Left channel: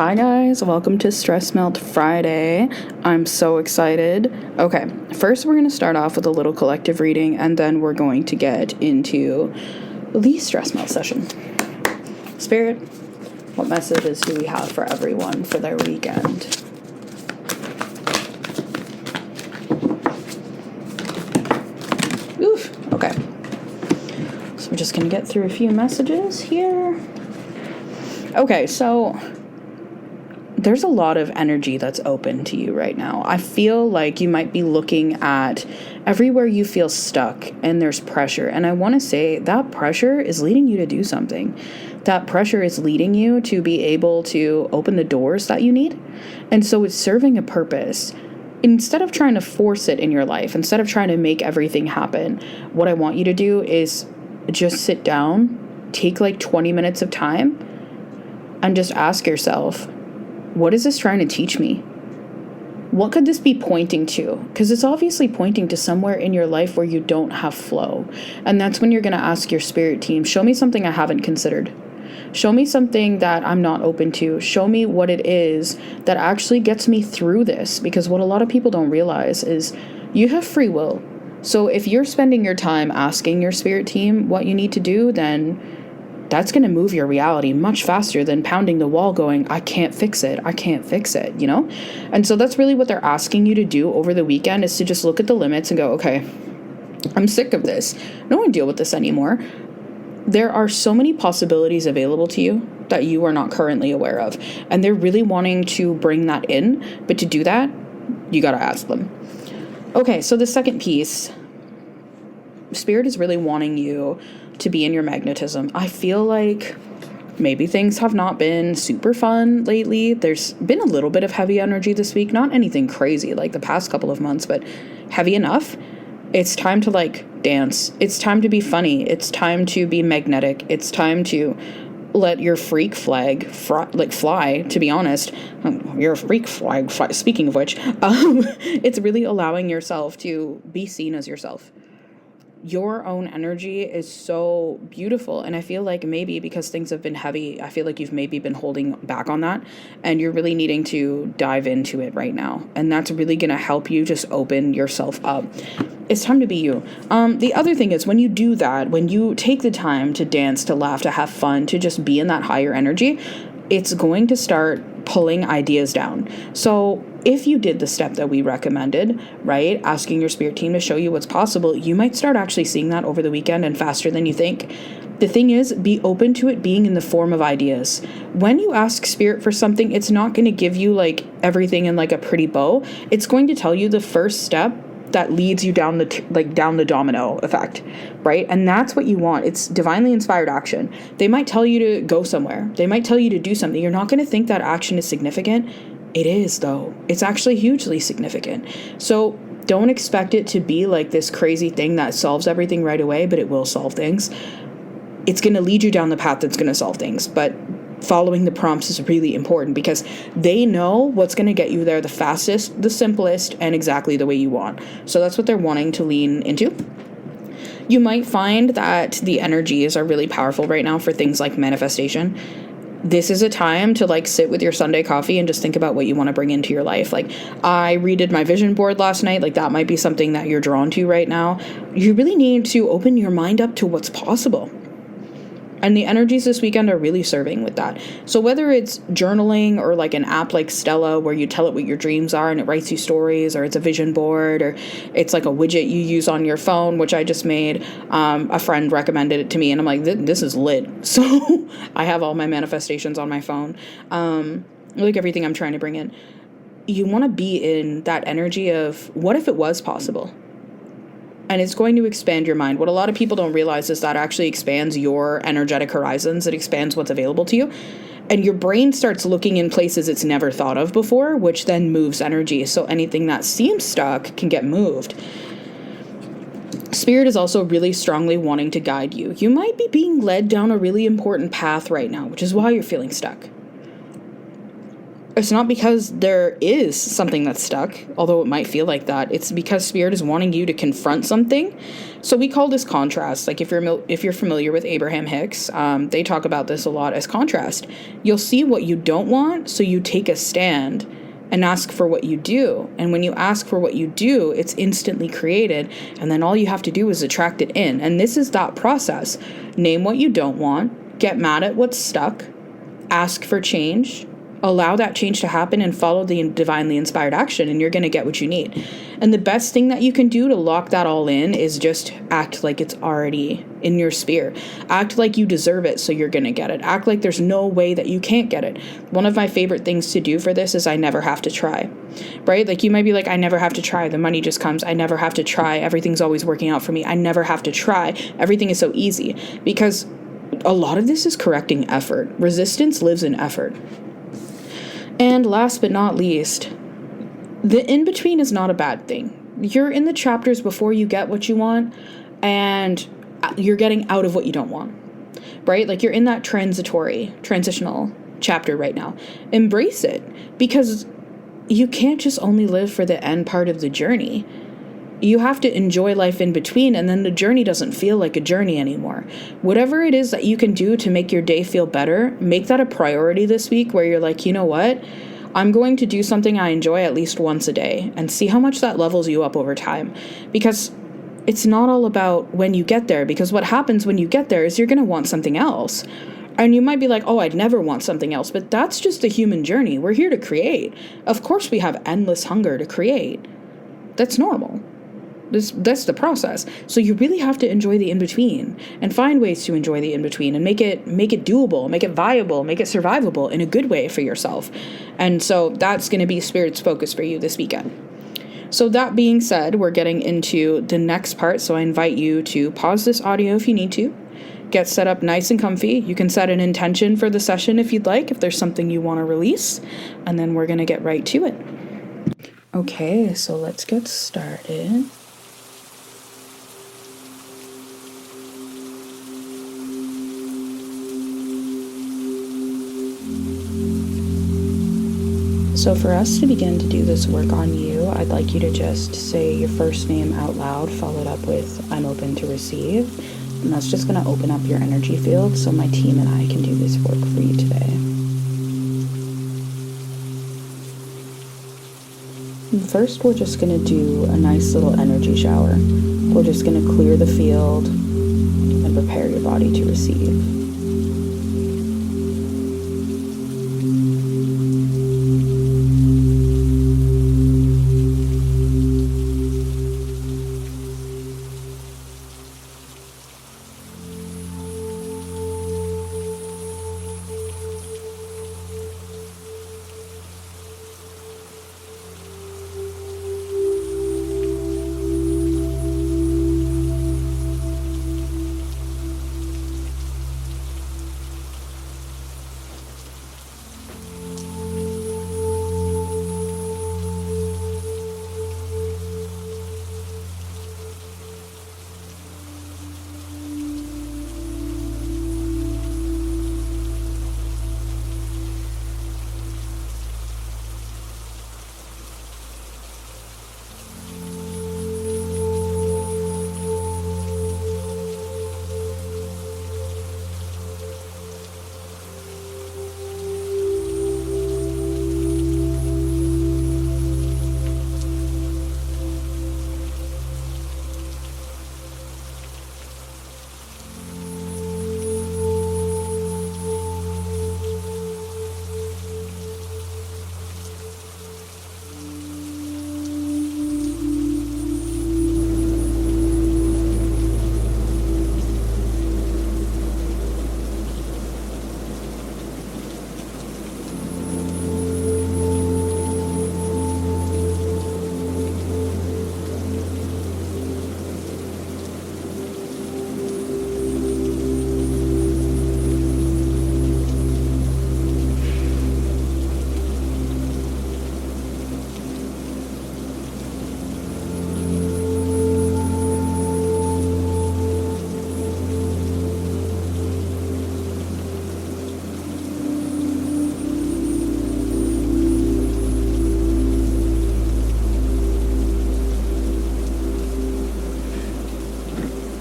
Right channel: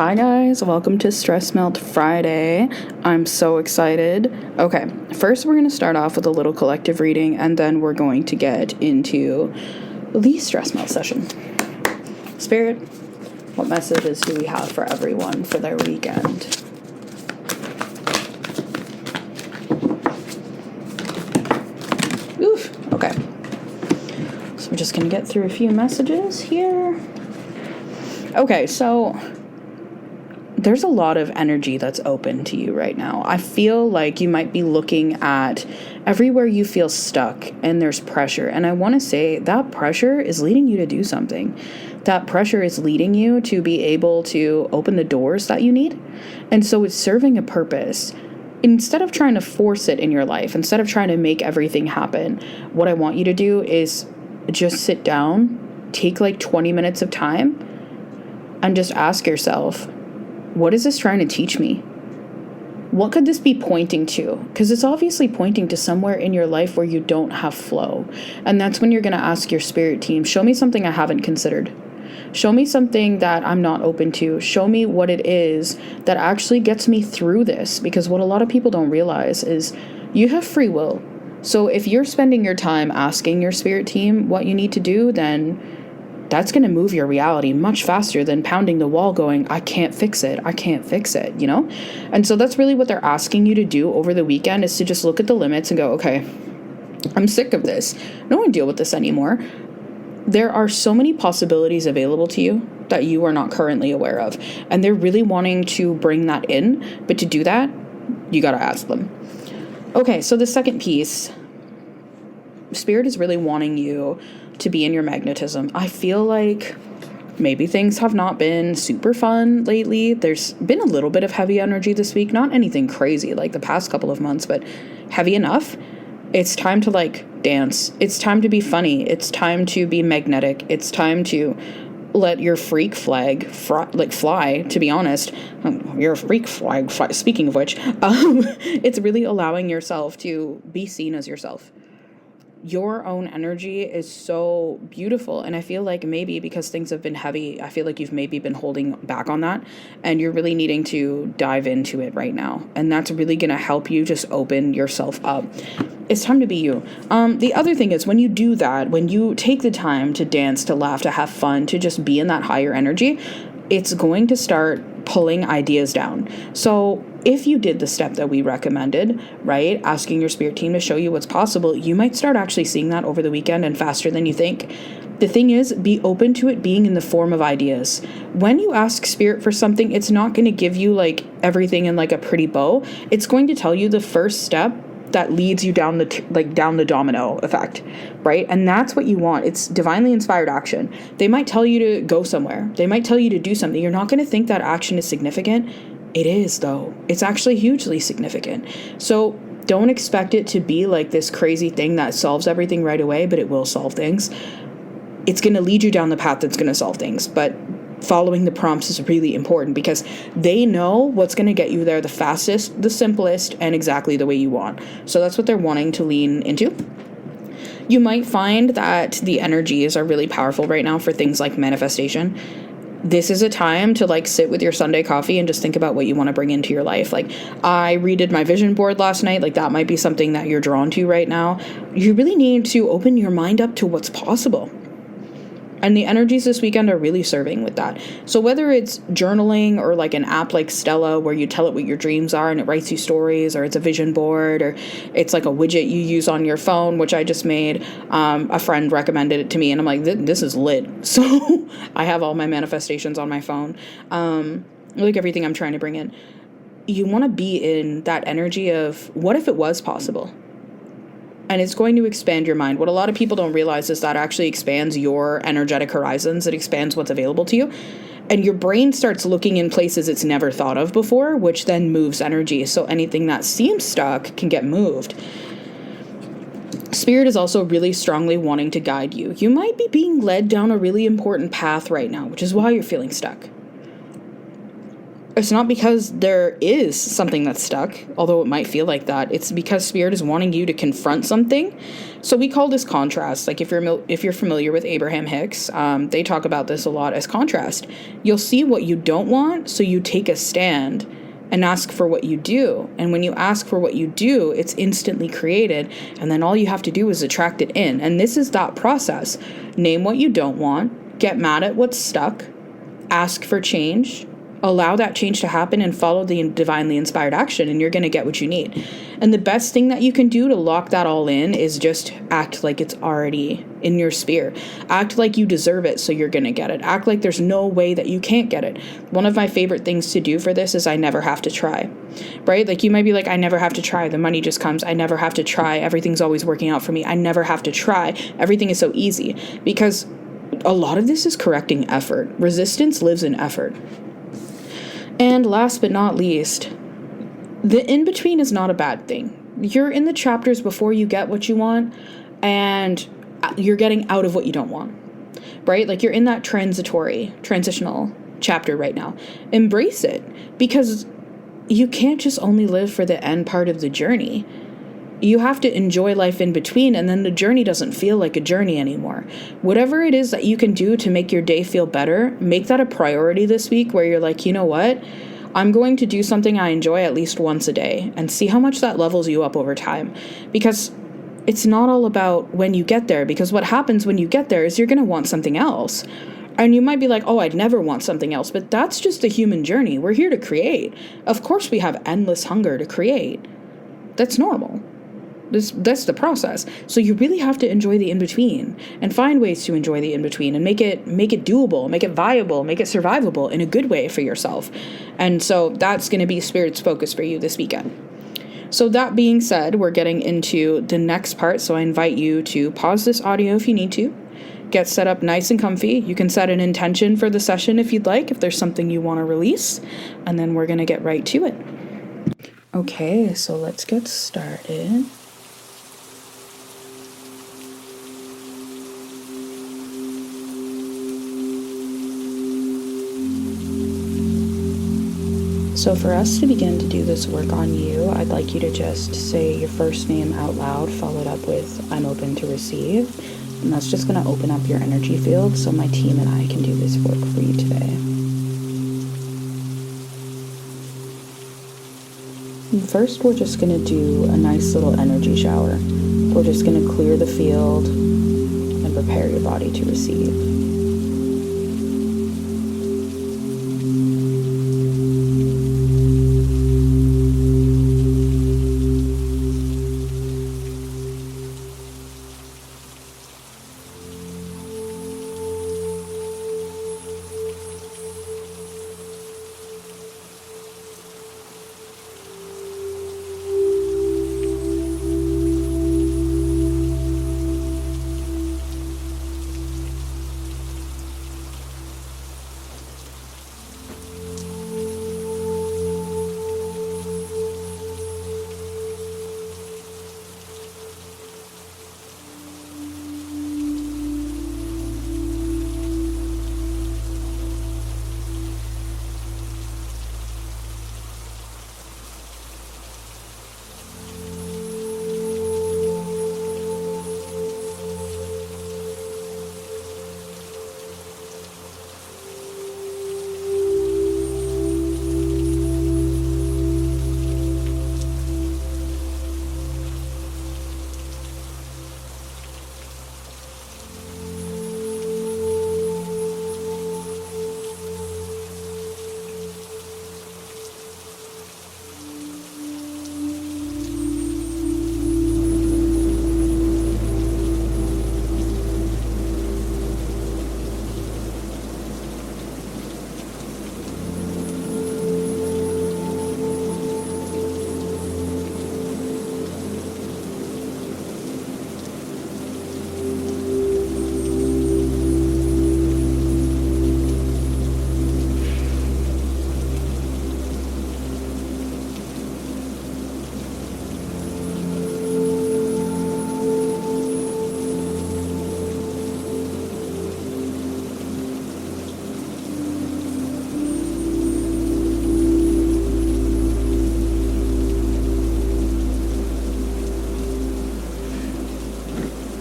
Hi guys, welcome to Stress Melt Friday. I'm so excited. Okay, first we're going to start off with a little collective reading and then we're going to get into the Stress Melt session. Spirit, what messages do we have for everyone for their weekend? Oof, okay. So we're just going to get through a few messages here. Okay, so there's a lot of energy that's open to you right now. I feel like you might be looking at everywhere you feel stuck and there's pressure. And I want to say that pressure is leading you to do something. That pressure is leading you to be able to open the doors that you need. And so it's serving a purpose. Instead of trying to force it in your life, instead of trying to make everything happen, what I want you to do is just sit down, take like 20 minutes of time, and just ask yourself, what is this trying to teach me? What could this be pointing to? Because it's obviously pointing to somewhere in your life where you don't have flow. And that's when you're going to ask your spirit team, show me something I haven't considered. Show me something that I'm not open to. Show me what it is that actually gets me through this. Because what a lot of people don't realize is you have free will. So if you're spending your time asking your spirit team what you need to do, then that's going to move your reality much faster than pounding the wall going, I can't fix it, you know? And so that's really what they're asking you to do over the weekend, is to just look at the limits and go, okay, I'm sick of this. I don't want to deal with this anymore. There are so many possibilities available to you that you are not currently aware of. And they're really wanting to bring that in. But to do that, you got to ask them. Okay, so the second piece, Spirit is really wanting you to be in your magnetism. I feel like maybe things have not been super fun lately. There's been a little bit of heavy energy this week, not anything crazy like the past couple of months, but heavy enough. It's time to like dance. It's time to be funny. It's time to be magnetic. It's time to let your freak flag fly, to be honest. Your freak flag fly. Speaking of which, it's really allowing yourself to be seen as yourself. Your own energy is so beautiful. And I feel like maybe because things have been heavy, I feel like you've maybe been holding back on that and you're really needing to dive into it right now. And that's really going to help you just open yourself up. It's time to be you. The other thing is when you do that, when you take the time to dance, to laugh, to have fun, to just be in that higher energy, it's going to start pulling ideas down. So if you did the step that we recommended, right, asking your spirit team to show you what's possible, you might start actually seeing that over the weekend and faster than you think. The thing is, be open to it being in the form of ideas. When you ask spirit for something, it's not going to give you like everything in like a pretty bow. It's going to tell you the first step that leads you down the domino effect, right? And that's what you want. It's divinely inspired action. They might tell you to go somewhere. They might tell you to do something. You're not going to think that action is significant. It is, though. It's actually hugely significant. So don't expect it to be like this crazy thing that solves everything right away, but it will solve things. It's going to lead you down the path that's going to solve things, but following the prompts is really important because they know what's going to get you there the fastest, the simplest, and exactly the way you want. So that's what they're wanting to lean into. You might find that the energies are really powerful right now for things like manifestation. This is a time to like sit with your Sunday coffee and just think about what you want to bring into your life. Like I redid my vision board last night. Like that might be something that you're drawn to right now. You really need to open your mind up to what's possible. And the energies this weekend are really serving with that. So whether it's journaling or like an app like Stella where you tell it what your dreams are and it writes you stories, or it's a vision board, or it's like a widget you use on your phone, which I just made. A friend recommended it to me and I'm like, this is lit. So I have all my manifestations on my phone. Like everything I'm trying to bring in. You want to be in that energy of what if it was possible? And it's going to expand your mind. What a lot of people don't realize is that actually expands your energetic horizons. It expands what's available to you. And your brain starts looking in places it's never thought of before, which then moves energy. So anything that seems stuck can get moved. Spirit is also really strongly wanting to guide you. You might be being led down a really important path right now, which is why you're feeling stuck. It's not because there is something that's stuck, although it might feel like that. It's because Spirit is wanting you to confront something. So we call this contrast. Like if you're familiar with Abraham Hicks, they talk about this a lot as contrast. You'll see what you don't want, so you take a stand and ask for what you do. And when you ask for what you do, it's instantly created. And then all you have to do is attract it in. And this is that process. Name what you don't want, get mad at what's stuck, ask for change, allow that change to happen, and follow the divinely inspired action, and you're going to get what you need. And the best thing that you can do to lock that all in is just act like it's already in your sphere. Act like you deserve it, so you're going to get it. Act like there's no way that you can't get it. One of my favorite things to do for this is I never have to try, right? Like you might be like, I never have to try. The money just comes. I never have to try. Everything's always working out for me. I never have to try. Everything is so easy, because a lot of this is correcting effort. Resistance lives in effort. And last but not least, the in-between is not a bad thing. You're in the chapters before you get what you want, and you're getting out of what you don't want, right? Like you're in that transitional chapter right now. Embrace it, because you can't just only live for the end part of the journey. You have to enjoy life in between, and then the journey doesn't feel like a journey anymore. Whatever it is that you can do to make your day feel better, make that a priority this week, where you're like, you know what? I'm going to do something I enjoy at least once a day, and see how much that levels you up over time. Because it's not all about when you get there, because what happens when you get there is you're going to want something else. And you might be like, oh, I'd never want something else, but that's just the human journey. We're here to create. Of course we have endless hunger to create. That's normal. That's the process. So you really have to enjoy the in-between, and find ways to enjoy the in-between, and make it doable, make it viable, make it survivable in a good way for yourself. And so that's going to be Spirit's focus for you this weekend. So that being said, we're getting into the next part. So I invite you to pause this audio if you need to. Get set up nice and comfy. You can set an intention for the session if you'd like, if there's something you want to release. And then we're going to get right to it. Okay, so let's get started. So for us to begin to do this work on you, I'd like you to just say your first name out loud, followed up with, I'm open to receive. And that's just going to open up your energy field so my team and I can do this work for you today. And first, we're just going to do a nice little energy shower. We're just going to clear the field and prepare your body to receive.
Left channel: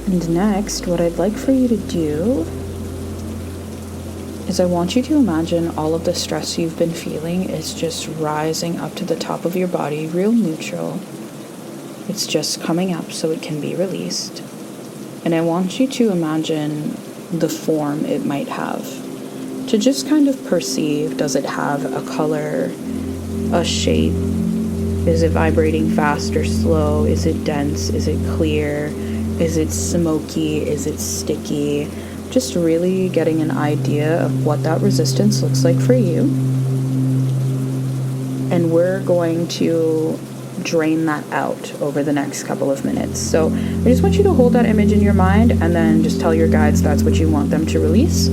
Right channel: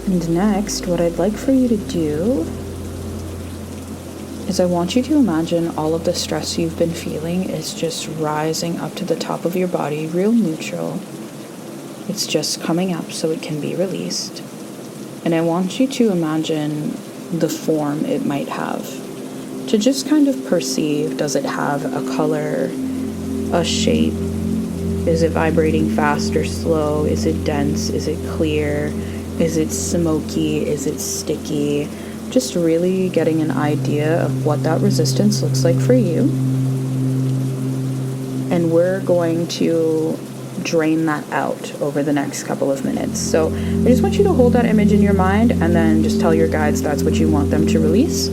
And next, what I'd like for you to do is I want you to imagine all of the stress you've been feeling is just rising up to the top of your body, real neutral. It's just coming up so it can be released. And I want you to imagine the form it might have. To just kind of perceive, does it have a color, a shape? Is it vibrating fast or slow? Is it dense? Is it clear? Is it smoky? Is it sticky? Just really getting an idea of what that resistance looks like for you. And we're going to drain that out over the next couple of minutes. So I just want you to hold that image in your mind and then just tell your guides that's what you want them to release.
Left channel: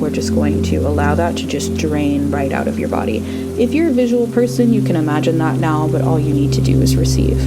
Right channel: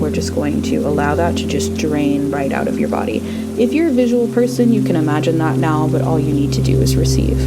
We're just going to allow that to just drain right out of your body. If you're a visual person, you can imagine that now, but all you need to do is receive.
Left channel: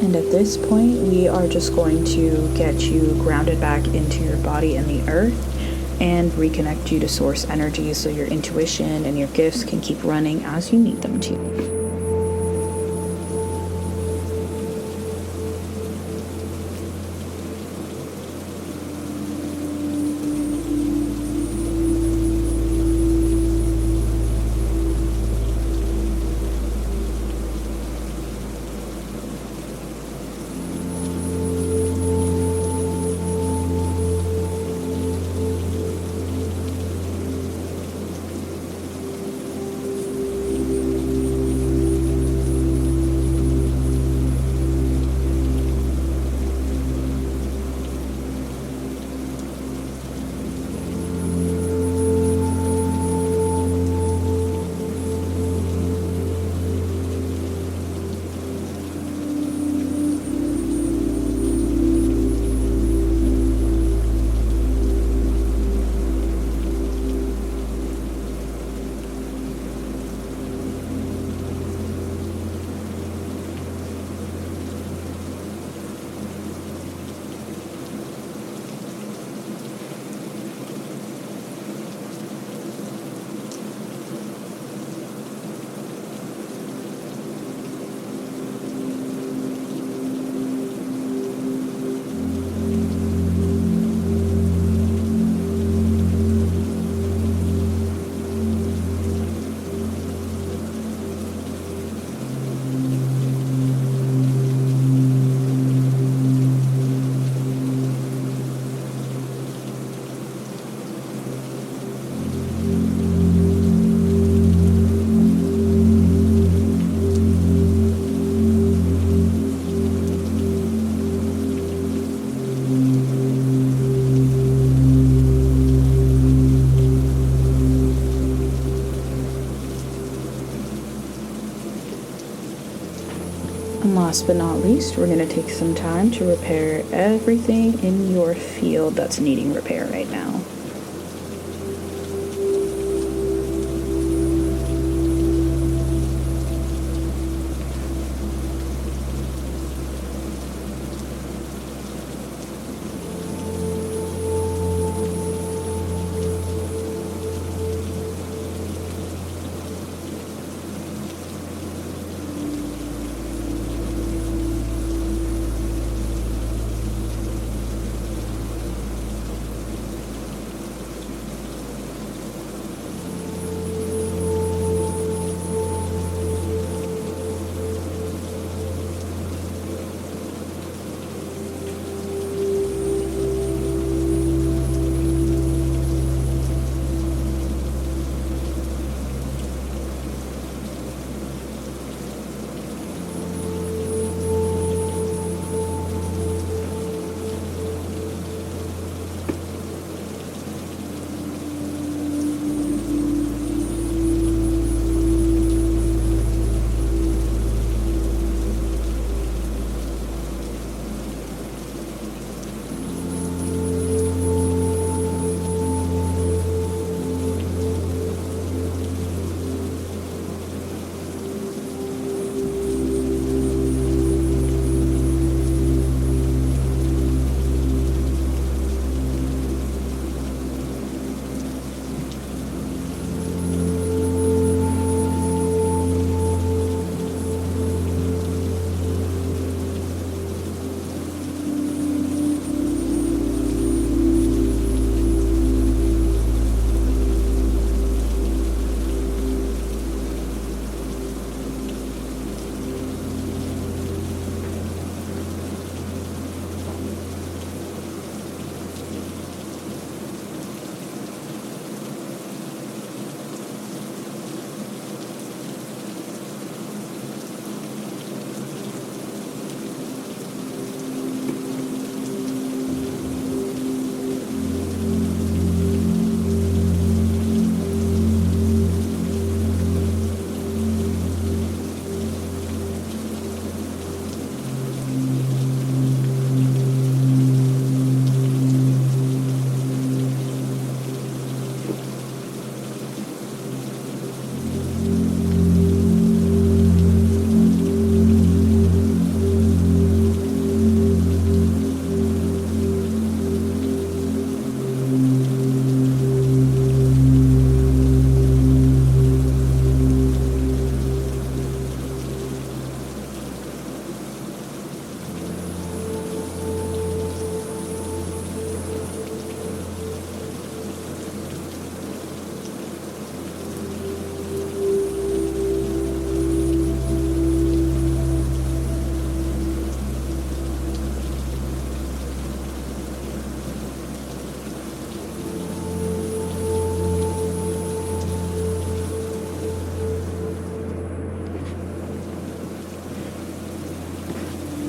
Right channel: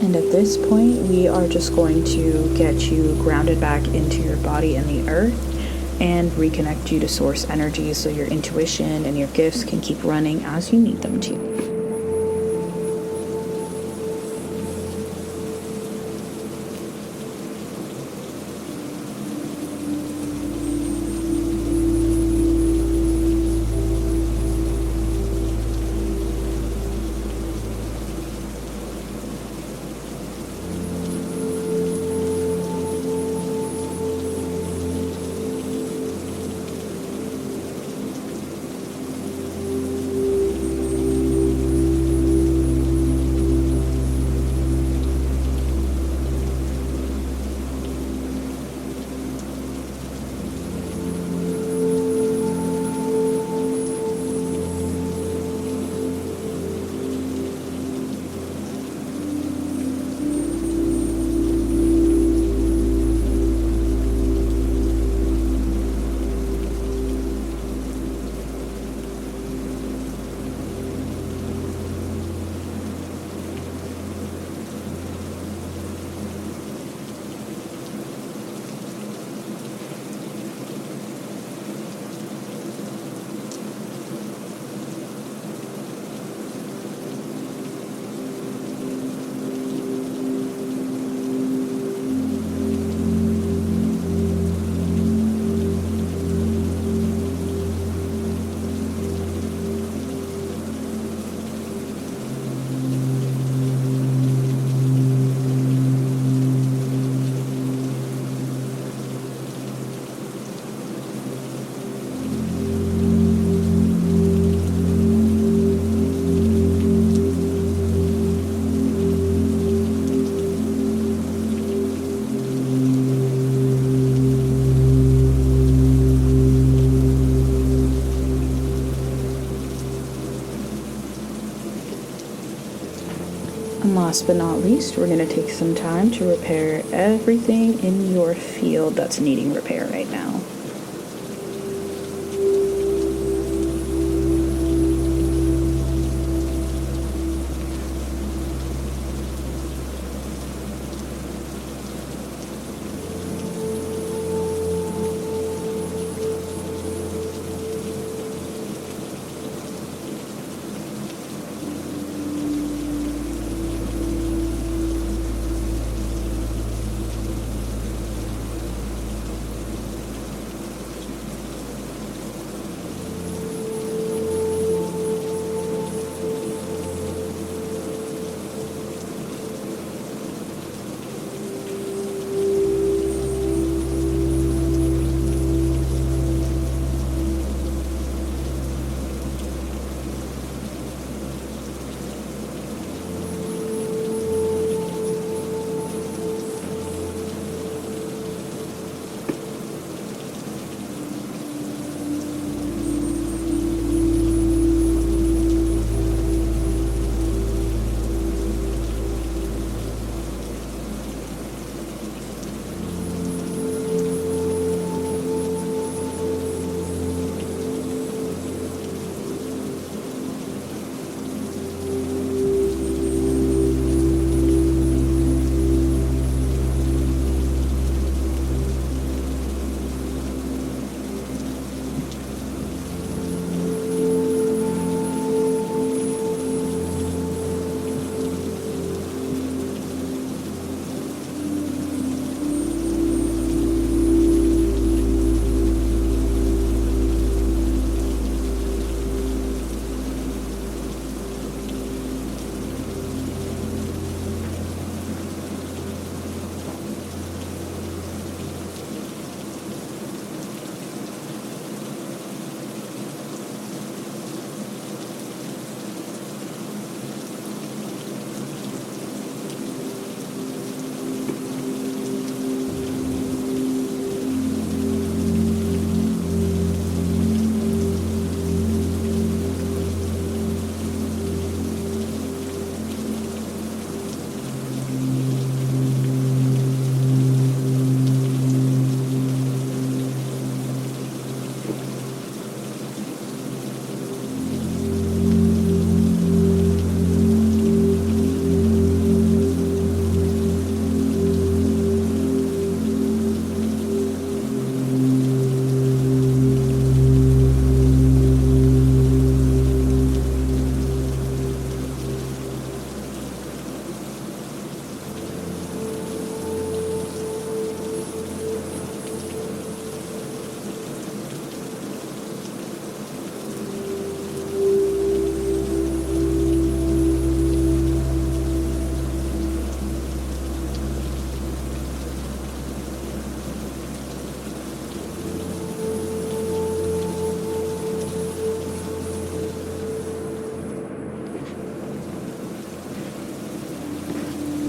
And at this point, we are just going to get you grounded back into your body and the earth and reconnect you to source energy so your intuition and your gifts can keep running as you need them to. And last but not least, we're going to take some time to repair everything in your field that's needing repair right now.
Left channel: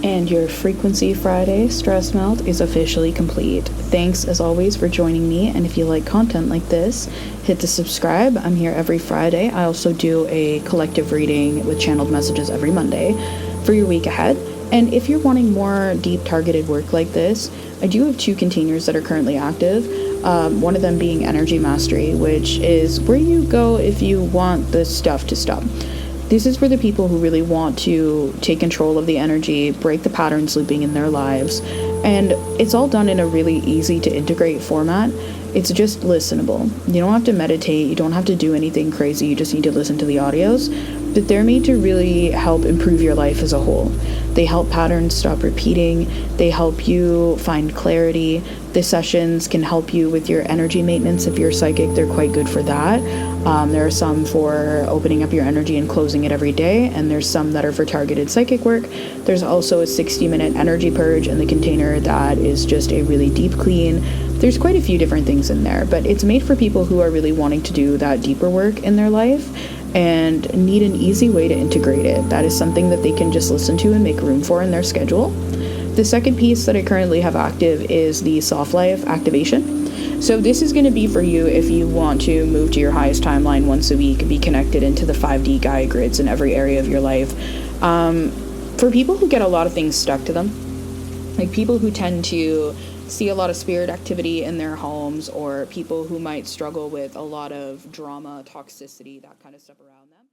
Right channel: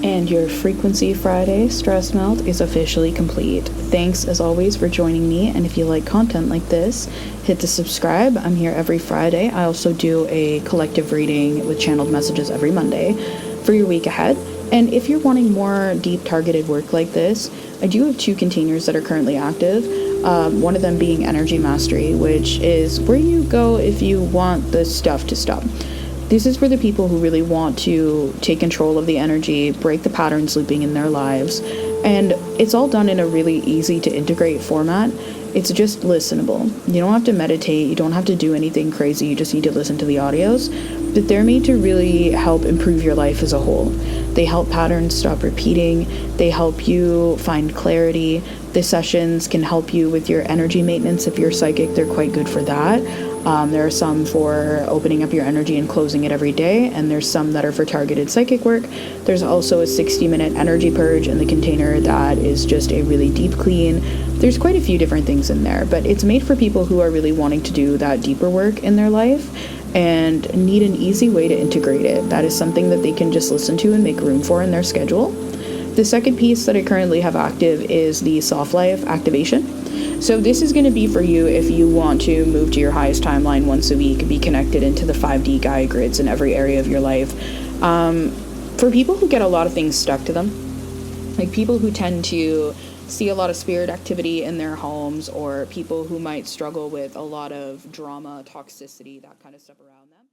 And your Frequency Friday stress melt is officially complete. Thanks as always for joining me, and if you like content like this, hit the subscribe. I'm here every Friday. I also do a collective reading with channeled messages every Monday for your week ahead. And if you're wanting more deep targeted work like this, I do have 2 containers that are currently active. One of them being Energy Mastery, which is where you go if you want the stuff to stop. This is for the people who really want to take control of the energy, break the patterns looping in their lives, and it's all done in a really easy to integrate format. It's just listenable. You don't have to meditate, you don't have to do anything crazy, you just need to listen to the audios. But they're made to really help improve your life as a whole. They help patterns stop repeating, they help you find clarity. The sessions can help you with your energy maintenance. If you're psychic, they're quite good for that. There are some for opening up your energy and closing it every day, and there's some that are for targeted psychic work. There's also a 60-minute energy purge in the container that is just a really deep clean. There's quite a few different things in there, but it's made for people who are really wanting to do that deeper work in their life and need an easy way to integrate it. That is something that they can just listen to and make room for in their schedule. The second piece that I currently have active is the Soft Life activation. So this is going to be for you if you want to move to your highest timeline once a week, be connected into the 5D Gaia grids in every area of your life. For people who get a lot of things stuck to them, like people who tend to see a lot of spirit activity in their homes, or people who might struggle with a lot of drama, toxicity, that kind of stuff around them.